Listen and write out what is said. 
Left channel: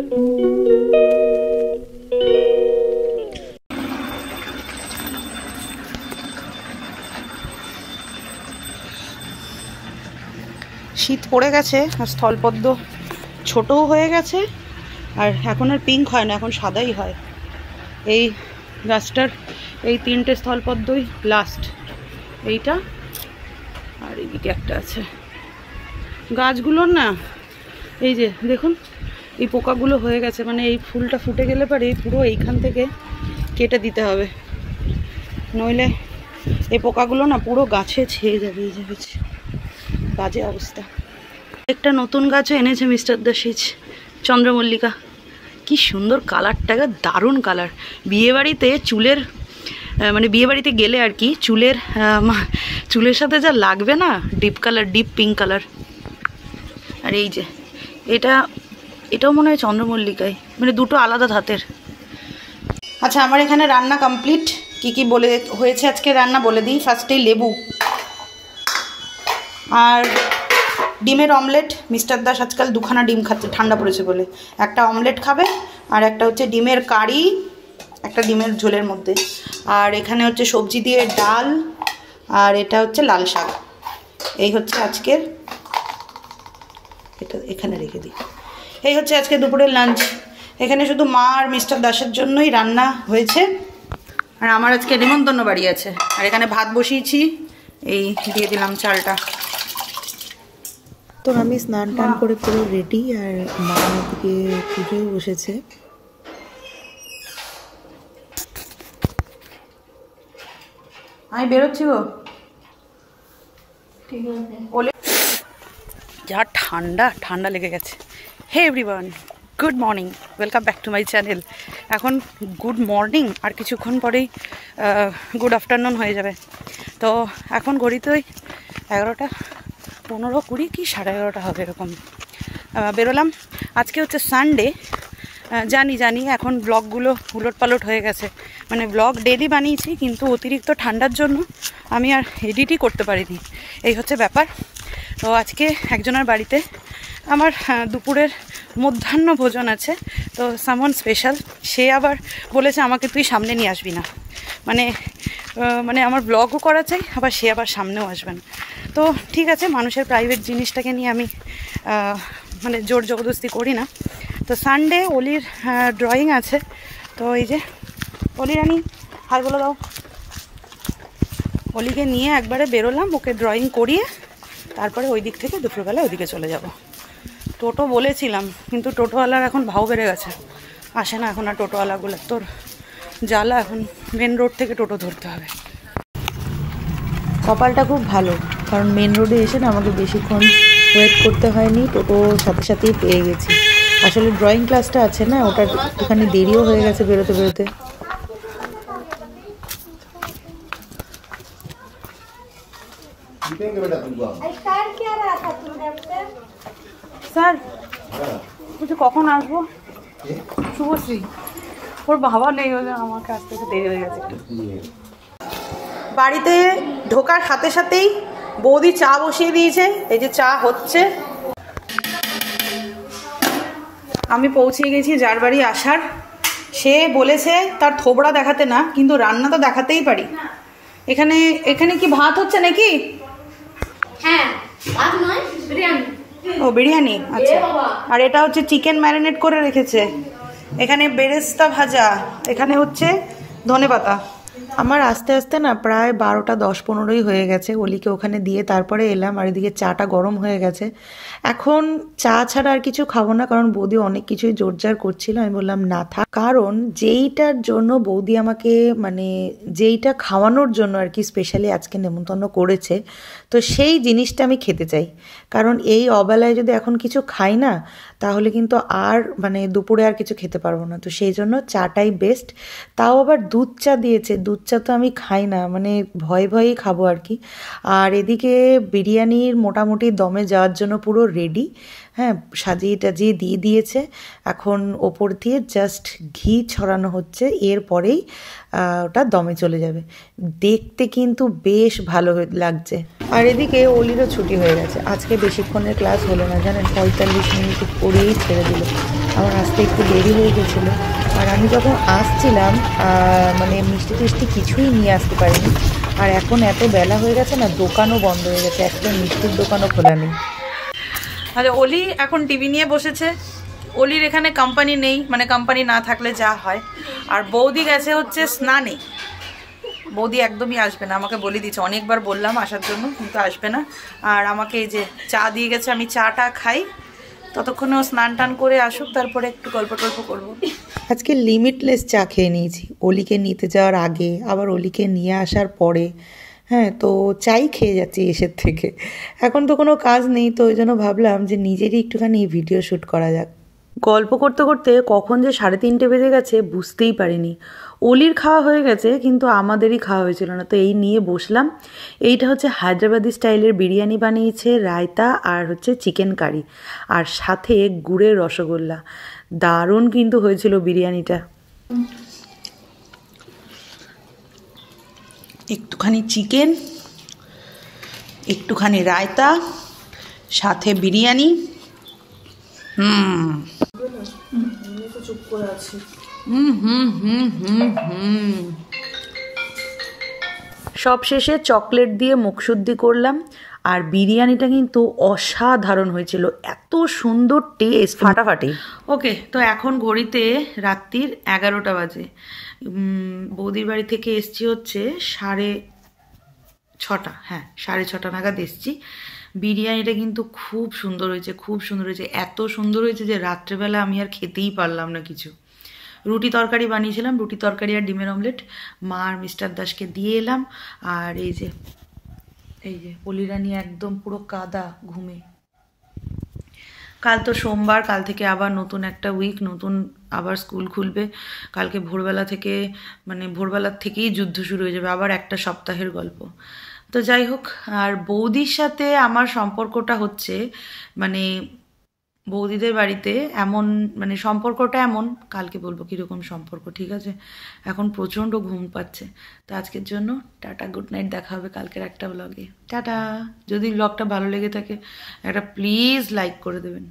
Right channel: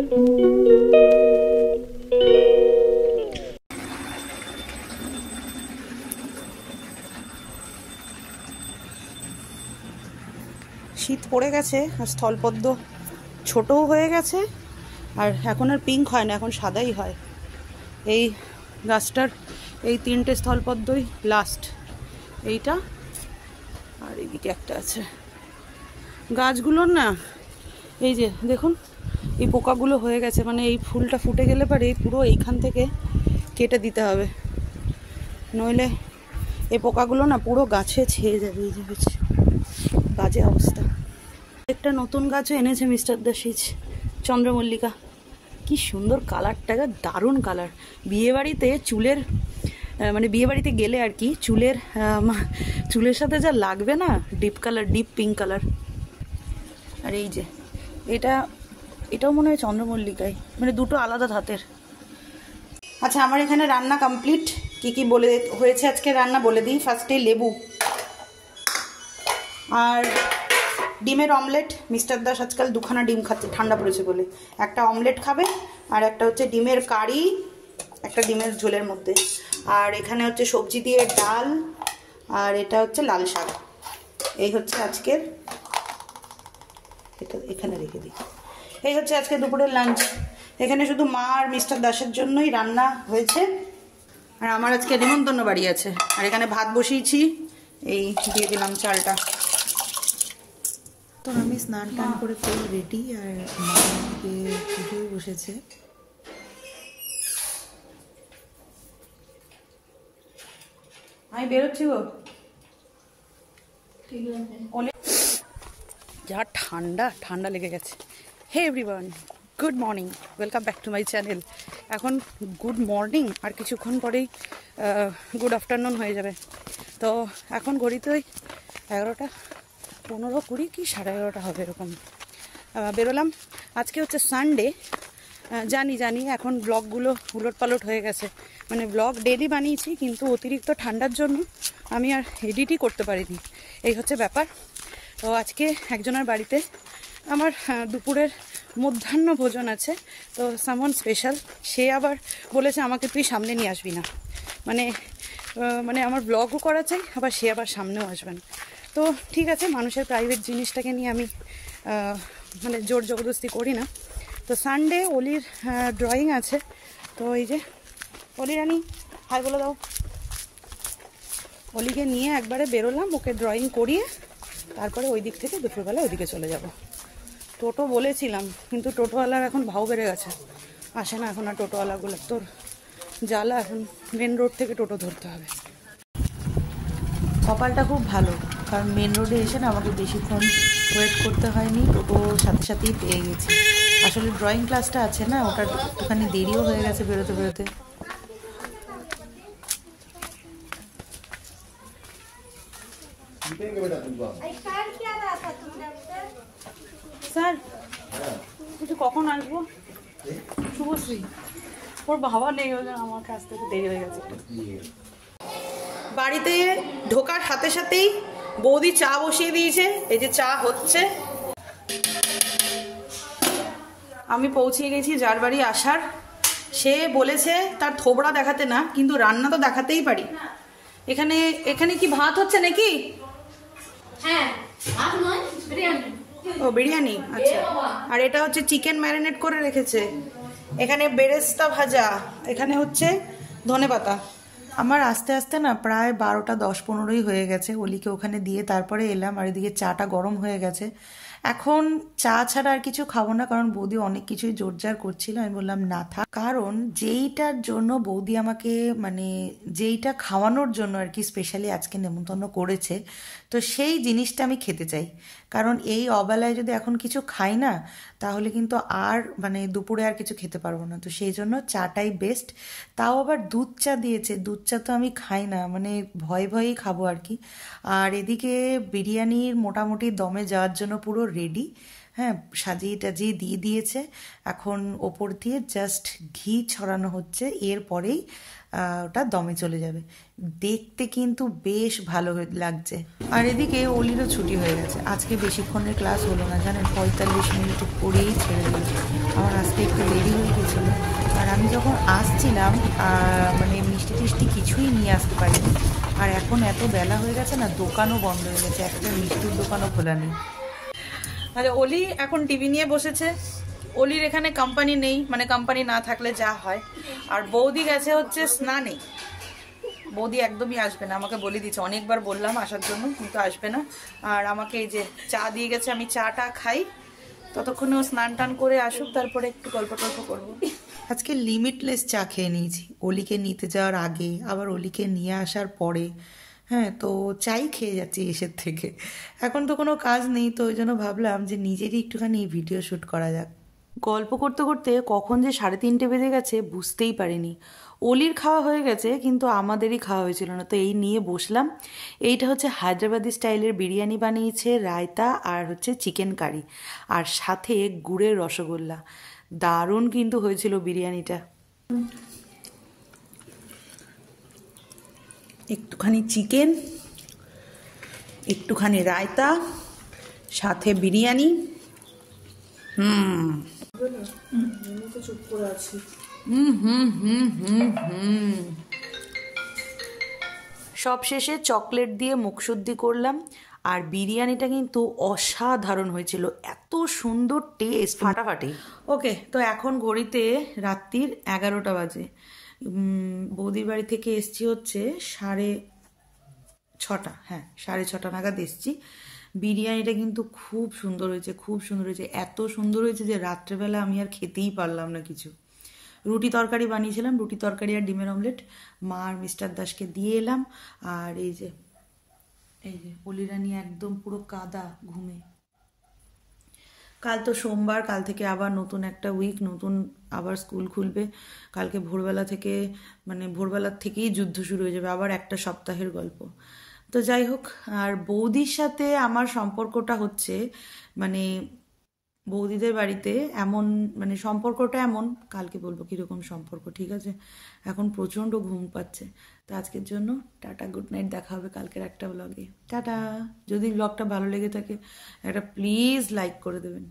শীত পড়ে গেছে আর স্থলপদ্ম ছোটও হয়ে গেছে, আর এখন আর পিঙ্ক হয় না, এখন সাদাই হয়। এই গাছটার এই 3টে স্থলপদ্মই লাস্ট, এইটা আর এইদিকে একটা আছে। গাছগুলোর না এই যে দেখুন এই পোকাগুলো হয়ে গেছে, মানে এই ফুলটা ফুটে গেলে পরে পুরো এইখান থেকে কেটে দিতে হবে, নইলে এই পোকাগুলো না পুরো গাছে ছেয়ে যাবে। এই যাবে বাজে অবস্থা। একটা নতুন গাছও এনেছে মিস্টার দাসিজ, চন্দ্রমল্লিকা। কি সুন্দর কালারটা, দারুণ কালার। বিয়েবাড়িতে চুলের মানে বিয়েবাড়িতে গেলে আর কি চুলের সাথে যা লাগবে না, deep colour, deep pink colour. আর এই যে এটাও মনে হয় চন্দ্রমল্লিকায়, মানে দুটো আলাদা ধাতের। আচ্ছা, আমার এখানে রান্না কমপ্লিট। কি কি বলে হয়েছে আজকে রান্না বলে দিই। ফার্স্টেই লেবু আর ডিমের অমলেট। মিস্টার দাস আজকাল 2খানা ডিম খাচ্ছে ঠান্ডা পড়েছে বলে। একটা অমলেট খাবে আর একটা হচ্ছে ডিমের কারি, একটা ডিমের ঝোলের মধ্যে। আর এখানে হচ্ছে সবজি দিয়ে ডাল, আর এটা হচ্ছে লাল শাক। এই হচ্ছে আজকের, এটা এখানে রেখে দিই। এই হচ্ছে আজকে দুপুরের লাঞ্চ। এখানে শুধু মা আর মিস্টার দাসের জন্যই রান্না হয়েছে, আর আমার আজকে নিমন্ত্রণ বাড়ি আছে। আর এখানে ভাত বসিয়েছি, এই দিয়ে দিলাম চালটা। তো আমি স্নান টান করে পুরো রেডি, আর মা ওদিকে পুজোয় বসেছে। আমি বেরোচ্ছি গো, ঠিক আছে। যা ঠান্ডা ঠান্ডা লেগে গেছে। Hey everyone, good morning, welcome back to my channel. এখন গুড মর্নিং, আর কিছুক্ষণ পরেই গুড আফটারনুন হয়ে যাবে। তো এখন ঘড়িতে ওই 11টা 15, 20 কি 11:30 হবে এরকম বেরোলাম। আজকে হচ্ছে সানডে। জানি এখন ব্লগগুলো উলটপালট হয়ে গেছে, মানে ব্লগ ডেলি বানিয়েছি, কিন্তু অতিরিক্ত ঠান্ডার জন্য আমি আর এডিটই করতে পারিনি। এই হচ্ছে ব্যাপার। তো আজকে একজনের বাড়িতে আমার দুপুরের মধ্যাহ্ন ভোজন আছে, তো সামওয়ান স্পেশাল। সে আবার বলেছে আমাকে তুই সামনে নিয়ে আসবি না, মানে আমার ব্লগও করা চাই, আবার সে আবার সামনেও আসবেন। তো ঠিক আছে, মানুষের প্রাইভেট জিনিসটাকে নিয়ে আমি মানে জোর জবরদস্তি করি না। তো সানডে অলির ড্রয়িং আছে, তো এই যে অলি রানি হাই বলে দাও। অলিকে নিয়ে একবারে বেরোলাম, ওকে ড্রয়িং করিয়ে তারপরে ওই দিক থেকে দুপুরবেলা ওইদিকে চলে যাব। টোটো বলেছিলাম, কিন্তু টোটোওয়ালার এখন ভাও বেড়ে গেছে, আসে না এখন আর টোটোওয়ালাগুলো। তোর জ্বালা, এখন মেন রোড থেকে টোটো ধরতে হবে। কপালটা খুব ভালো, কারণ মেন রোডে এসে না আমাকে বেশিক্ষণ ওয়েট করতে হয়নি, টোটো সাথে সাথেই পেয়ে গেছি। আসলে ড্রয়িং ক্লাসটা আছে না, ওটা একটুখানি দেরিও হয়ে গেছে বেরোতে বেরোতে। স্যার বলছি কখন আসবো? শুভশ্রী, ওর বাবা নেই, আমার কাছ থেকে দেরি হয়ে গেছে। বাড়িতে ঢোকার সাথে সাথেই বৌদি চা বসিয়ে দিয়েছে, এই যে চা হচ্ছে। আমি পৌঁছে গেছি যার বাড়ি আসার। সে বলেছে তার থোবড়া দেখাতে না, কিন্তু রান্না তো দেখাতেই পারি। এখানে কি ভাত হচ্ছে নাকি? হ্যাঁ, ভাত নয়, বিরিয়ানি। ও বিরিয়ানি, আচ্ছা। আর এটা হচ্ছে চিকেন ম্যারিনেট করে রেখেছে। এখানে বেরেস্তা ভাজা, এখানে হচ্ছে ধনেপাতা। আমার আস্তে আস্তে না প্রায় 12টা 10-15ই হয়ে গেছে। অলিকে ওখানে দিয়ে তারপরে এলাম, আর এদিকে চাটা গরম হয়ে গেছে। এখন চা ছাড়া আর কিছু খাবো না, কারণ বৌদি অনেক কিছুই জোরজার করছিল। আমি বললাম না থাক, কারণ যেইটার জন্য বৌদি আমাকে, মানে যেইটা খাওয়ানোর জন্য আর কি স্পেশালি আজকে নেমন্তন্ন করেছে, তো সেই জিনিসটা আমি খেতে চাই। কারণ এই অবেলায় যদি এখন কিছু খাই না, তাহলে কিন্তু আর মানে দুপুরে আর কিছু খেতে পারবো না। তো সেই জন্য চাটাই বেস্ট। তাও আবার দুধ চা দিয়েছে, দুধ চা তো আমি খাই না, মানে ভয়ে ভয়েই খাবো আর কি। আর এদিকে বিরিয়ানির মোটামুটি দমে যাওয়ার জন্য পুরো রেডি। হ্যাঁ, সাজিয়ে টাজিয়ে দিয়ে দিয়েছে। এখন ওপর দিয়ে জাস্ট ঘি ছড়ানো হচ্ছে, এরপরেই ওটা দমে চলে যাবে। দেখতে কিন্তু বেশ ভালো লাগছে। আর এদিকে অলিরও ছুটি হয়ে গেছে, আজকে বেশিক্ষণের ক্লাস হলো না জানেন, 45 মিনিট পরেই ছেড়ে দিল। আমার আসতে একটু দেরি হয়ে গেছিলো, আর আমি যখন আসছিলাম মানে মিষ্টি টিষ্টি কিছুই নিয়ে আসতে পারিনি। আর এখন এত বেলা হয়ে গেছে না, দোকানও বন্ধ হয়ে গেছে, একটা মিষ্টির দোকানও খোলা নেই। আচ্ছা, অলি এখন টিভি নিয়ে বসেছে। অলির এখানে কোম্পানি নেই, মানে কোম্পানি না থাকলে যা হয়। আর বৌদি গেছে হচ্ছে স্নানে। বৌদি একদমই আসবে না, আমাকে বলে দিচ্ছে, অনেকবার বললাম আসার জন্য কিন্তু আসবে না। আর আমাকে এই যে চা দিয়ে গেছে, আমি চাটা খাই, ততক্ষণে ও স্নান টান করে আসুক, তারপরে একটু গল্প টল্প করবো। আজকে লিমিটলেস চা খেয়ে নিয়েছি, অলিকে নিতে যাওয়ার আগে আবার অলিকে নিয়ে আসার পরে। হ্যাঁ, তো চাই খেয়ে যাচ্ছি এসের থেকে। এখন তো কোনো কাজ নেই, তো ওই জন্য ভাবলাম যে নিজেরই একটুখানি ভিডিও শ্যুট করা যাক। গল্প করতে করতে কখন যে 3:30 বেজে গেছে বুঝতেই পারিনি। অলির খাওয়া হয়ে গেছে, কিন্তু আমাদেরই খাওয়া হয়েছিল না, তো এই নিয়ে বসলাম। এইটা হচ্ছে হায়দ্রাবাদি স্টাইলের বিরিয়ানি বানিয়েছে, রায়তা আর হচ্ছে চিকেন কারি, আর সাথে গুড়ের রসগোল্লা। দারুণ কিন্তু হয়েছিল বিরিয়ানিটা। একটুখানি চিকেন, একটুখানি রায়তা, সাথে বিরিয়ানি। সব শেষে চকলেট দিয়ে মুখশুদ্ধি করলাম। আর বিরিয়ানিটা কিন্তু অসাধারণ হয়েছিল, এত সুন্দর টেস্ট, ফাটাফাটি। ওকে, তো এখন ঘড়িতে রাত্রির 11টা বাজে। বৌদির বাড়ি থেকে এসছি হচ্ছে 6:30। হ্যাঁ, 6:30 নাগাদ এসছি। বিরিয়ানিটা কিন্তু খুব সুন্দর হয়েছে, খুব সুন্দর হয়েছে, এত সুন্দর হয়েছে যে রাত্রেবেলা আমি আর খেতেই পারলাম না কিছু। রুটি তরকারি বানিয়েছিলাম, রুটি তরকারি আর ডিমের অমলেট মা আর মিস্টার দাসকে দিয়ে এলাম। আর এই যে অলিরানি একদম পুরো কাদা ঘুমে। কাল তো সোমবার, কাল থেকে আবার নতুন একটা উইক, নতুন আবার স্কুল খুলবে। কালকে ভোরবেলা থেকে, মানে ভোরবেলার থেকেই যুদ্ধ শুরু হয়ে যাবে, আবার একটা সপ্তাহের গল্প। তো যাই হোক, আর বৌদির সাথে আমার সম্পর্কটা হচ্ছে, মানে বৌদিদের বাড়িতে এমন, মানে সম্পর্কটা এমন, কালকে বলবো কীরকম সম্পর্ক, ঠিক আছে? এখন প্রচণ্ড ঘুম পাচ্ছে। তো আজকের জন্য টাটা, গুড নাইট, দেখা হবে কালকের একটা ব্লগে। টাটা। যদি ব্লগটা ভালো লেগে থাকে একটা প্লিজ লাইক করে দেবেন।